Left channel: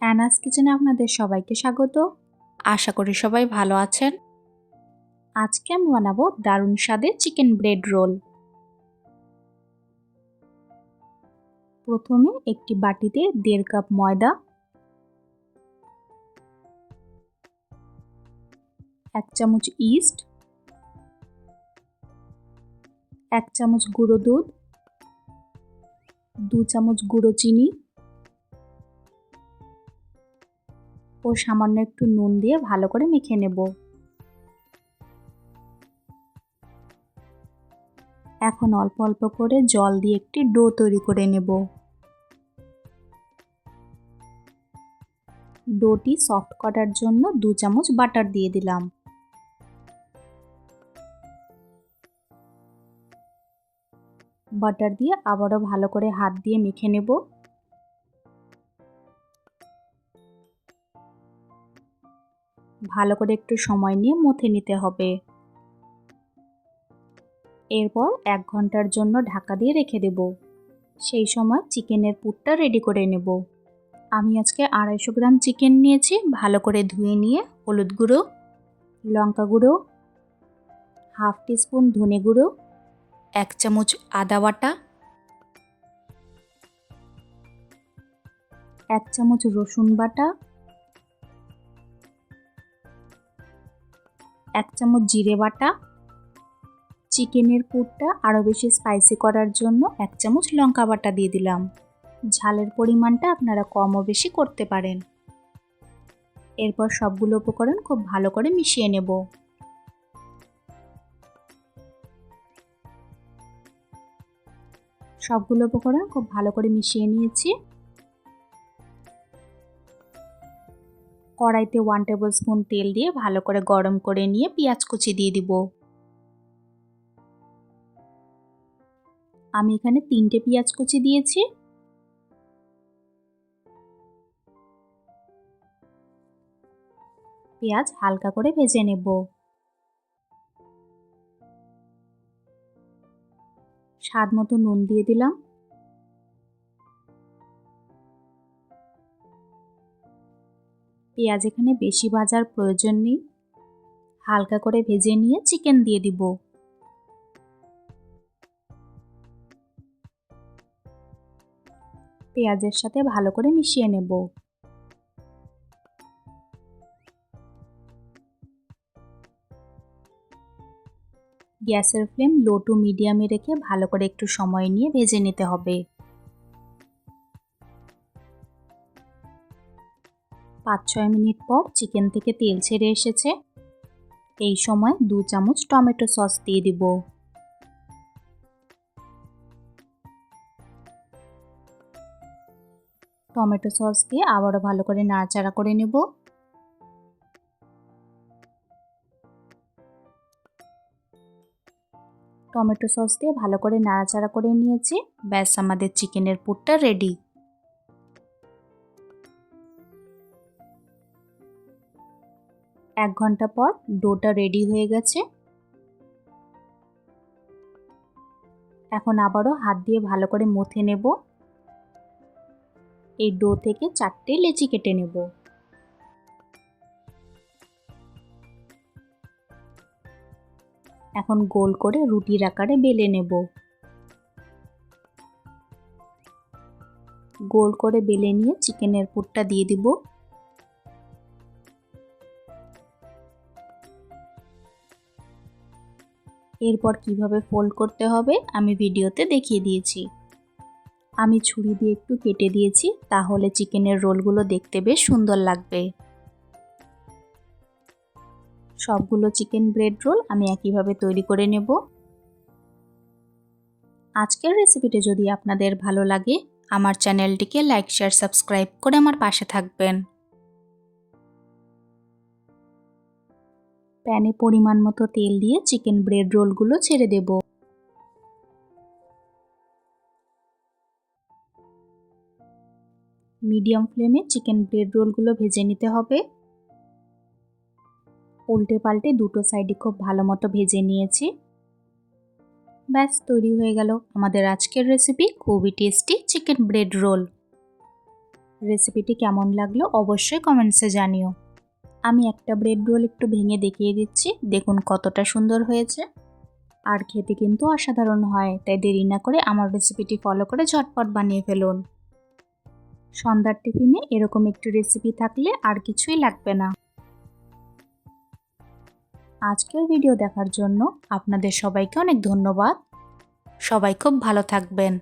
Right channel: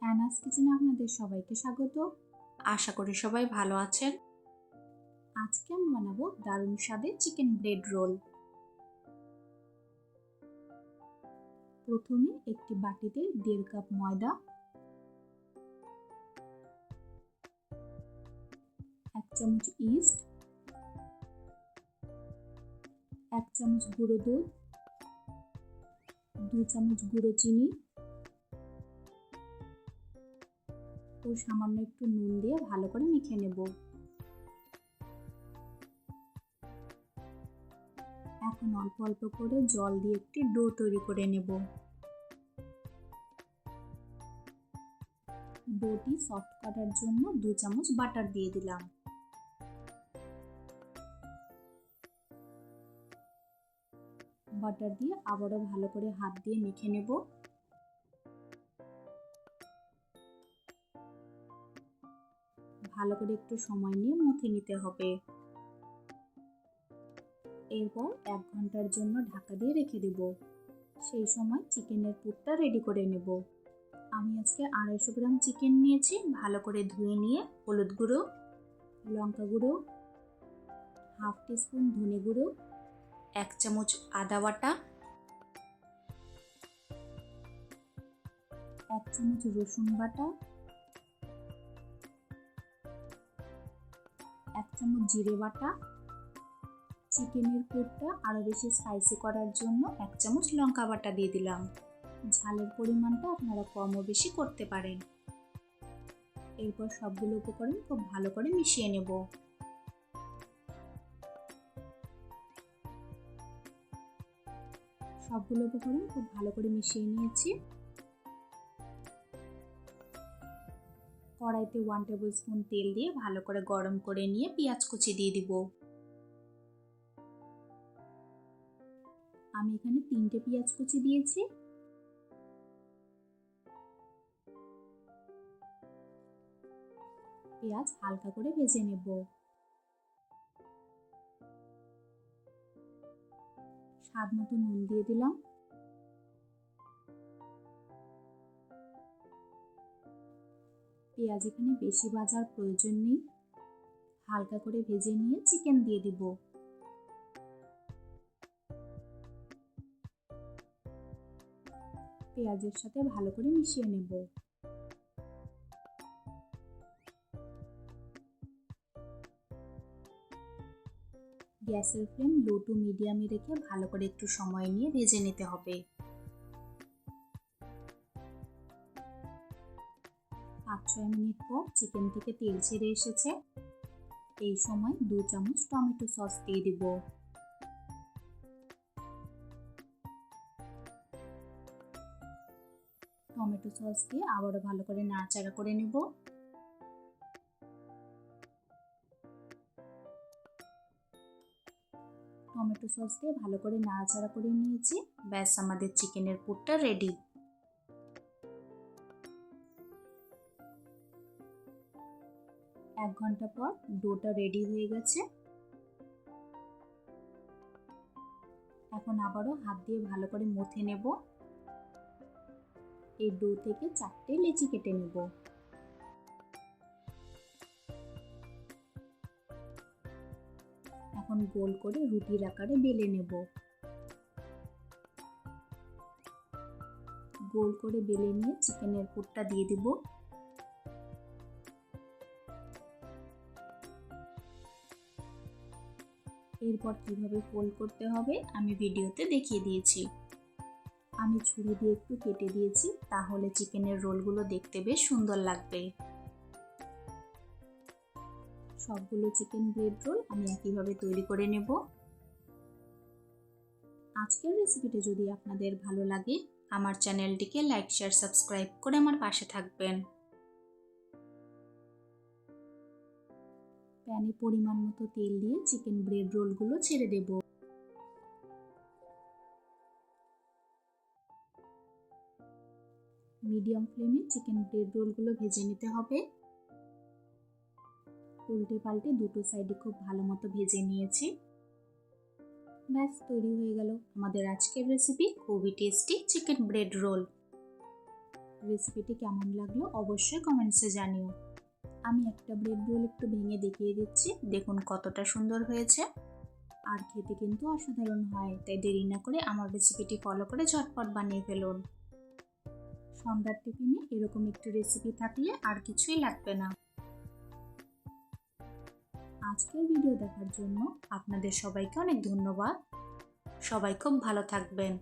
অ্যানাস কিচেনে আপনাদের সবাইকে স্বাগত। আশা করি সবাই ভালো আছেন। আজকে আমি বানাবো দারুণ স্বাদে চিকেন ব্রেড রোল। প্রথমে একটি বাটিতে দেড় কাপ ময়দা। এক চামচ ইস্ট। এক চামচ গুঁড়ো দুধ। দু চামচ গুঁড়ো চিনি। ও সামান্য একটু নুন দিয়ে ভালো করে মেখে নেব। এখন অল্প অল্প করে জল দিয়ে একটি ডো তৈরি করে নেব। ডোটি সফট করার জন্য দু চামচ বাটার দিয়ে দিলাম। বাটার দিয়ে আবারও ভালো করে হাত দিয়ে মেখে নেব। ভালো করে একটু সময় নিয়ে মথে নিতে হবে। এরপর এক ঘণ্টার জন্য ঢাকা দিয়ে রেখে দেব। সেই সময় চিকেনের পুরটা রেডি করে নেব। আমি আজকে আড়াইশো গ্রাম চিকেন নিয়েছি, ভালো করে ধুয়ে নিয়ে হলুদ গুঁড়ো, লঙ্কা গুঁড়ো, হাফ টিস্পুন ধনে গুঁড়ো, এক চামচ আদা বাটা, এক চামচ রসুন বাটা এক চামচ জিরে বাটা, চিকেনের পুরটা আরও বেশি স্পাইসি করার জন্য এক চামচ লঙ্কা বাটা দিয়ে দিলাম। ঝালের পরিমাণটা আপনারা কমও বেশি করতে পারেন। এরপর সবগুলো উপকরণ খুব ভালো করে মিশিয়ে নেব। সবগুলো উপকরণ খুব ভালো করে মিশিয়ে নিয়েছি। কড়াইতে ওয়ান টেবিল স্পুন তেল দিয়ে ভালো করে গরম করে নিয়ে পেঁয়াজ কুচি দিয়ে দিব। আমি এখানে তিনটে পেঁয়াজ কুচি দিয়েছি। পেঁয়াজ হালকা করে ভেজে নেব। স্বাদ মতো নুন দিয়ে দিলাম। পেঁয়াজ এখানে বেশি ভাজার প্রয়োজন নেই। হালকা করে ভেজে নিয়ে চিকেন দিয়ে দিব। পেঁয়াজের সাথে ভালো করে মিশিয়ে নেব। গ্যাসের ফ্লেম লো টু মিডিয়ামে রেখে ভালো করে একটু সময় নিয়ে ভেজে নিতে হবে। পাঁচ ছয় মিনিট পর চিকেন থেকে তেল ছেড়ে এসেছে। এই সময় দু চামচ টমেটো সস দিয়ে দিব। টমেটো সস দিয়ে আবারও ভালো করে নাড়াচাড়া করে নেব। টমেটো সস দিয়ে ভালো করে নাড়াচাড়া করে নিয়েছি। ব্যাস, আমাদের চিকেনের পুরটা রেডি। এক ঘণ্টা পর ডোটা রেডি হয়ে গেছে। এখন আবারও হাত দিয়ে ভালো করে মথে নেব। এই ডো থেকে চারটে লেচি কেটে নেব। এখন গোল করে রুটির আকারে বেলে নেব। গোল করে বেলে নিয়ে চিকেনের পুরটা দিয়ে দিব। এরপর কীভাবে ফোল্ড করতে হবে, আমি ভিডিওতে দেখিয়ে দিয়েছি। আমি ছুরি দিয়ে একটু কেটে দিয়েছি, তাহলে চিকেনের রোলগুলো দেখতে বেশ সুন্দর লাগবে। সবগুলো চিকেন ব্রেড রোল আমি একইভাবে তৈরি করে নেব। আজকের রেসিপিটি যদি আপনাদের ভালো লাগে, আমার চ্যানেলটিকে লাইক, শেয়ার, সাবস্ক্রাইব করে আমার পাশে থাকবেন। প্যানে পরিমাণ মতো তেল দিয়ে চিকেন ব্রেড রোলগুলো ছেড়ে দেব। মিডিয়াম ফ্লেমে চিকেন ব্রেড রোলগুলো ভেজে নিতে হবে। উল্টে পাল্টে দুটো সাইডে খুব ভালো মতো ভেজে নিয়েছি। ব্যাস, তৈরি হয়ে গেল আমাদের আজকের রেসিপি, খুবই টেস্টি চিকেন ব্রেড রোল। রেসিপিটি কেমন লাগল অবশ্যই কমেন্টসে জানিও। আমি একটা ব্রেড রোল একটু ভেঙে দেখিয়ে দিচ্ছি, দেখুন কতটা সুন্দর হয়েছে। আর খেতে কিন্তু অসাধারণ হয়, তাই দেরি না করে আমার রেসিপিটি ফলো করে ঝটপট বানিয়ে ফেলুন। সন্ধ্যার টিফিনে এরকম একটু রেসিপি থাকলে আর কিছুই লাগবে না। আজকের ভিডিও দেখার জন্য আপনাদের সবাইকে অনেক ধন্যবাদ। সবাই খুব ভালো থাকবেন।